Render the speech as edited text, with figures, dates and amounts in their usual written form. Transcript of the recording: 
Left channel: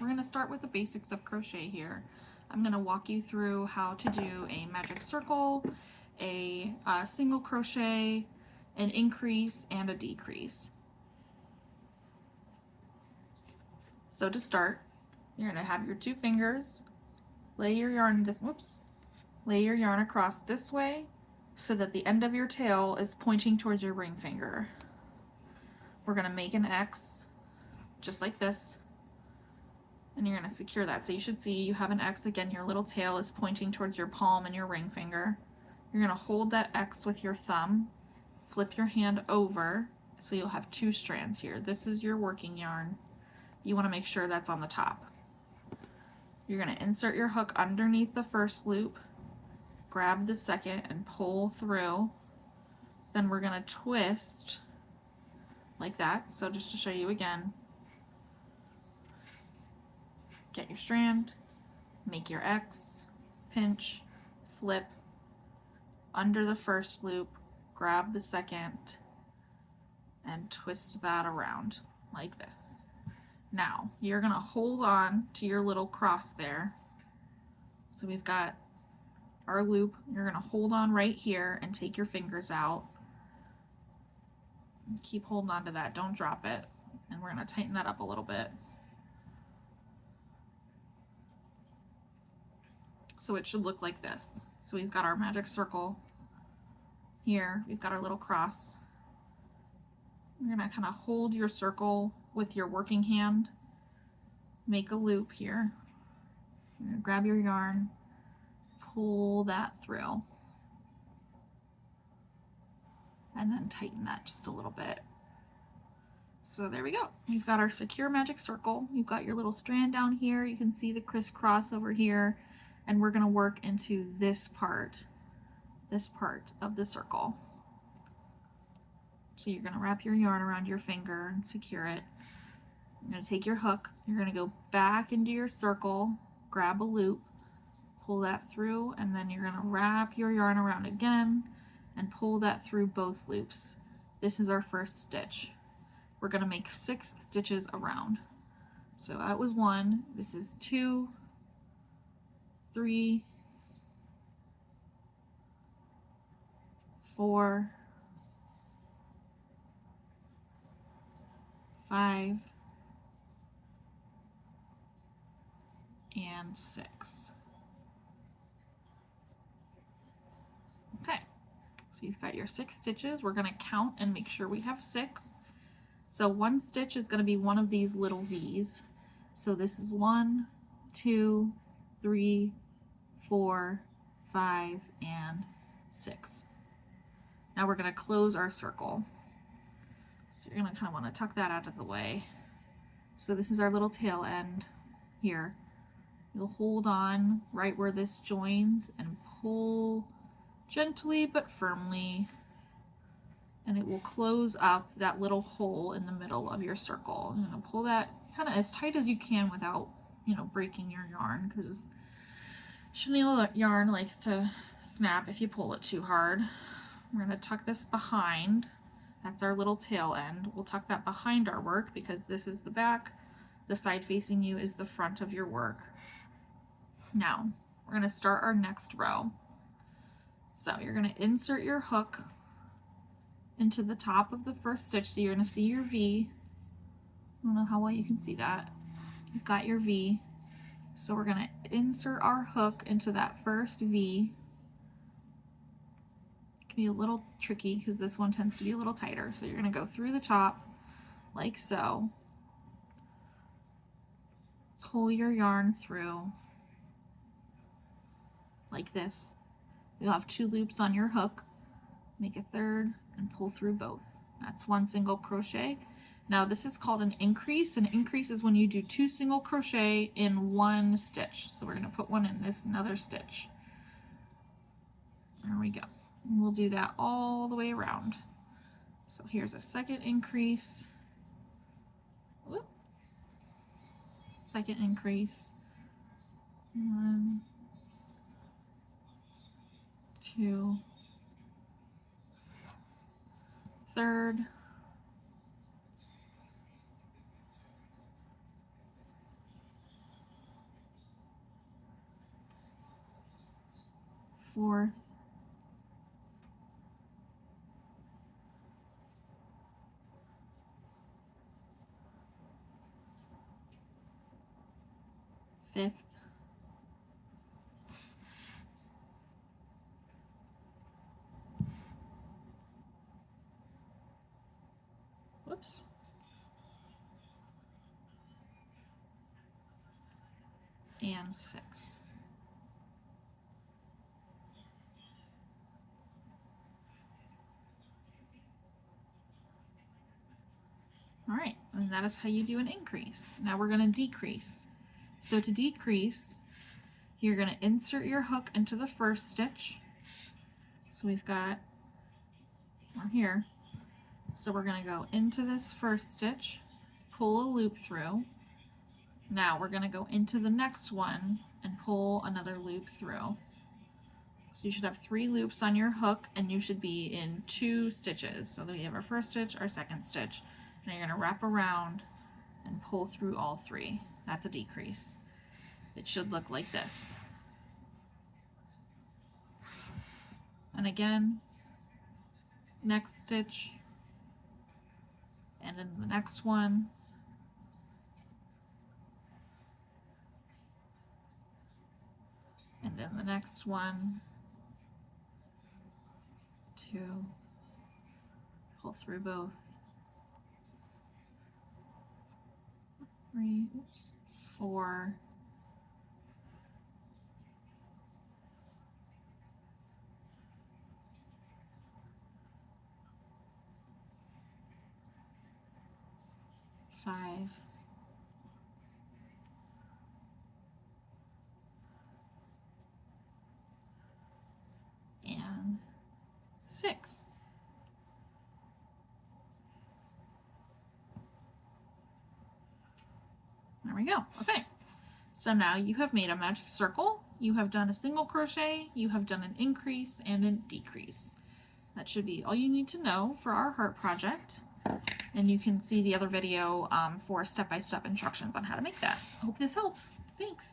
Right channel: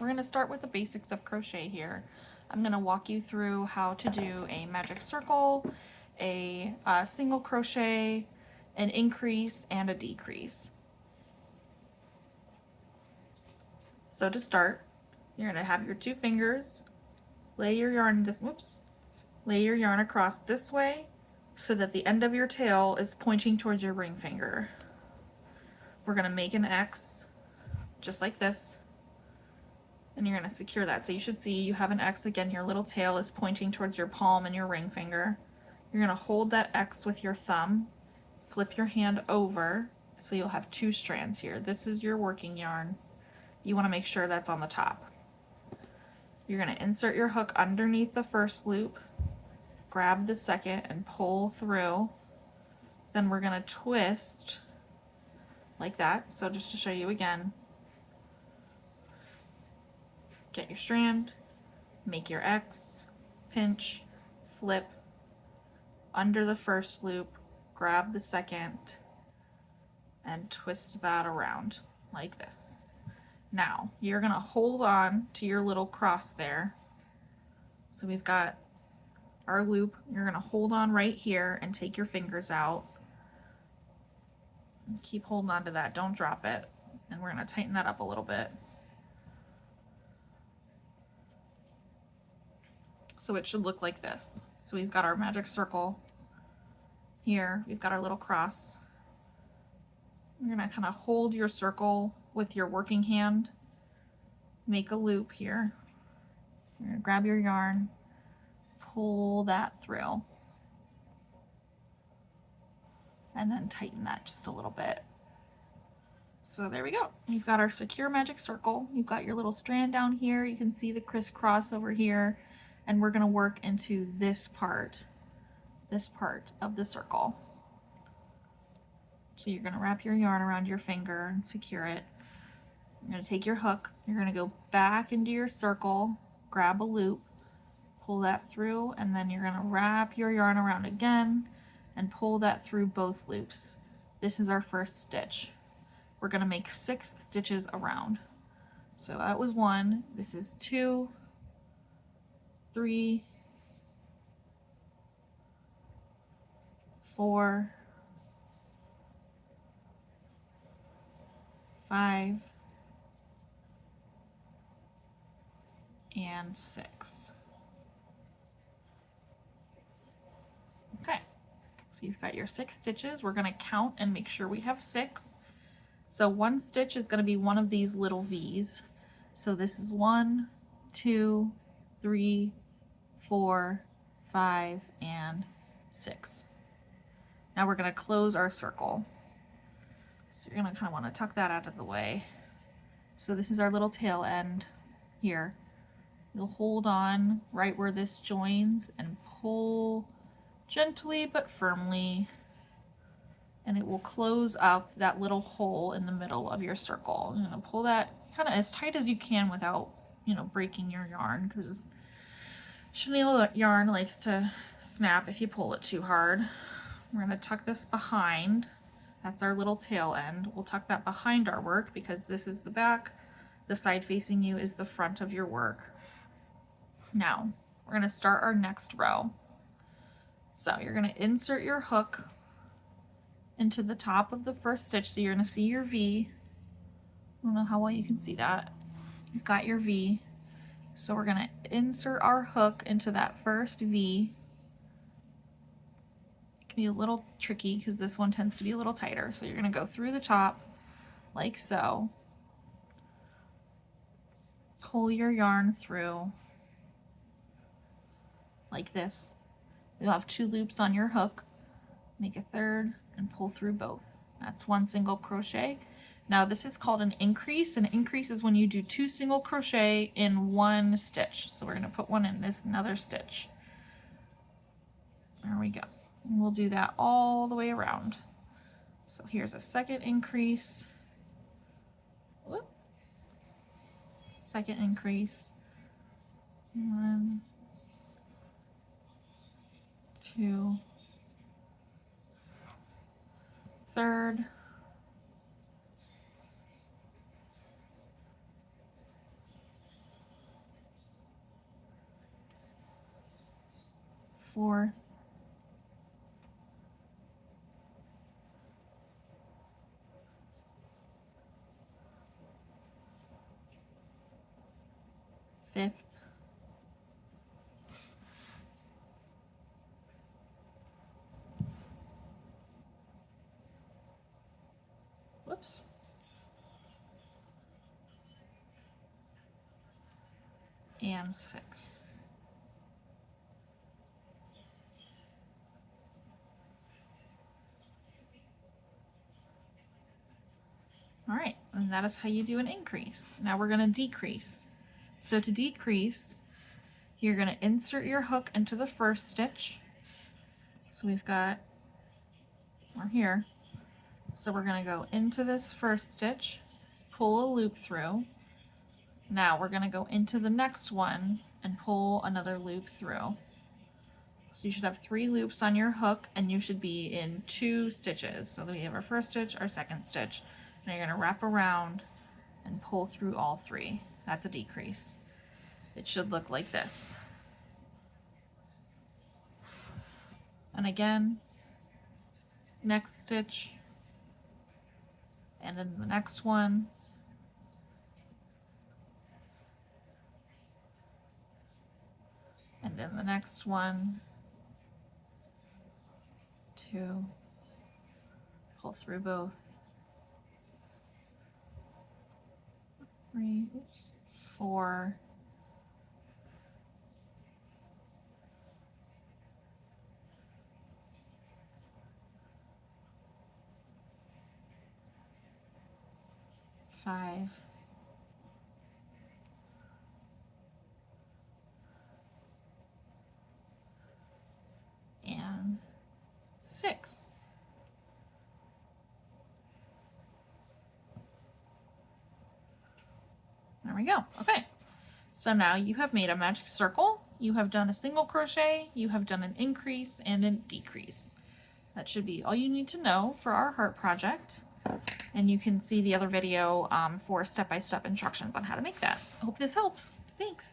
We're going to start with the basics of crochet here. I'm going to walk you through how to do a magic circle, a single crochet, an increase, and a decrease. So to start, you're going to have your two fingers, lay your yarn across this way so that the end of your tail is pointing towards your ring finger. We're going to make an X just like this, and you're going to secure that. So you should see you have an X again. Your little tail is pointing towards your palm and your ring finger. You're going to hold that X with your thumb, flip your hand over, so you'll have two strands here. This is your working yarn. You want to make sure that's on the top. You're going to insert your hook underneath the first loop, grab the second and pull through. Then we're going to twist like that. So just to show you again, get your strand, make your X, pinch, flip, under the first loop, grab the second, and twist that around like this. Now, you're going to hold on to your little cross there. So we've got our loop. You're going to hold on right here and take your fingers out. And keep holding on to that. Don't drop it. And we're going to tighten that up a little bit. So it should look like this. So we've got our magic circle here. We've got our little cross. You're going to kind of hold your circle with your working hand, make a loop here. You're going to grab your yarn, pull that through, and then tighten that just a little bit. So there we go. You've got our secure magic circle. You've got your little strand down here. You can see the crisscross over here, and we're going to work into this part of the circle. So you're going to wrap your yarn around your finger and secure it. You're going to take your hook, you're going to go back into your circle, grab a loop, pull that through, and then you're going to wrap your yarn around again and pull that through both loops. This is our first stitch. We're going to make 6 stitches around. So that was 1, this is 2, 3, 4, 5, and 6. Okay, so you've got your 6 stitches. We're going to count and make sure we have 6. So one stitch is going to be one of these little V's. So this is 1, 2, 3, 4, 5, and 6. Now we're going to close our circle. So you're going to kind of want to tuck that out of the way. So this is our little tail end here. You'll hold on right where this joins and pull gently but firmly, and it will close up that little hole in the middle of your circle. You're going to pull that kind of as tight as you can without, breaking your yarn, because chenille yarn likes to snap if you pull it too hard. We're going to tuck this behind. That's our little tail end. We'll tuck that behind our work because this is the back. The side facing you is the front of your work. Now, we're going to start our next row. So you're going to insert your hook into the top of the first stitch. So you're going to see your V. I don't know how well you can see that. You've got your V. So we're going to insert our hook into that first V. It can be a little tricky because this one tends to be a little tighter. So you're going to go through the top like so. Pull your yarn through like this. You'll have 2 loops on your hook. Make a third and pull through both. That's 1 single crochet. Now this is called an increase. An increase is when you do 2 single crochet in 1 stitch. So we're going to put one in this another stitch. There we go. And we'll do that all the way around. So here's a second increase. Whoop. Second increase. 1, 2, third, 4th, 5th, whoops, and 6th. All right, and that is how you do an increase. Now we're going to decrease. So to decrease, you're going to insert your hook into the first stitch. So we've got, we're here. So we're going to go into this first stitch, pull a loop through. Now we're going to go into the next one and pull another loop through. So you should have 3 loops on your hook, and you should be in 2 stitches. So we have our first stitch, our second stitch. Now you're going to wrap around and pull through all 3. That's a decrease. It should look like this. And again, next stitch, and then the next one, and then the next one, 2, pull through both, 3, 4, 5, and 6. There we go. Okay, so now you have made a magic circle, you have done a single crochet, you have done an increase and a decrease. That should be all you need to know for our heart project. And you can see the other video for step-by-step instructions on how to make that. I hope this helps. Thanks.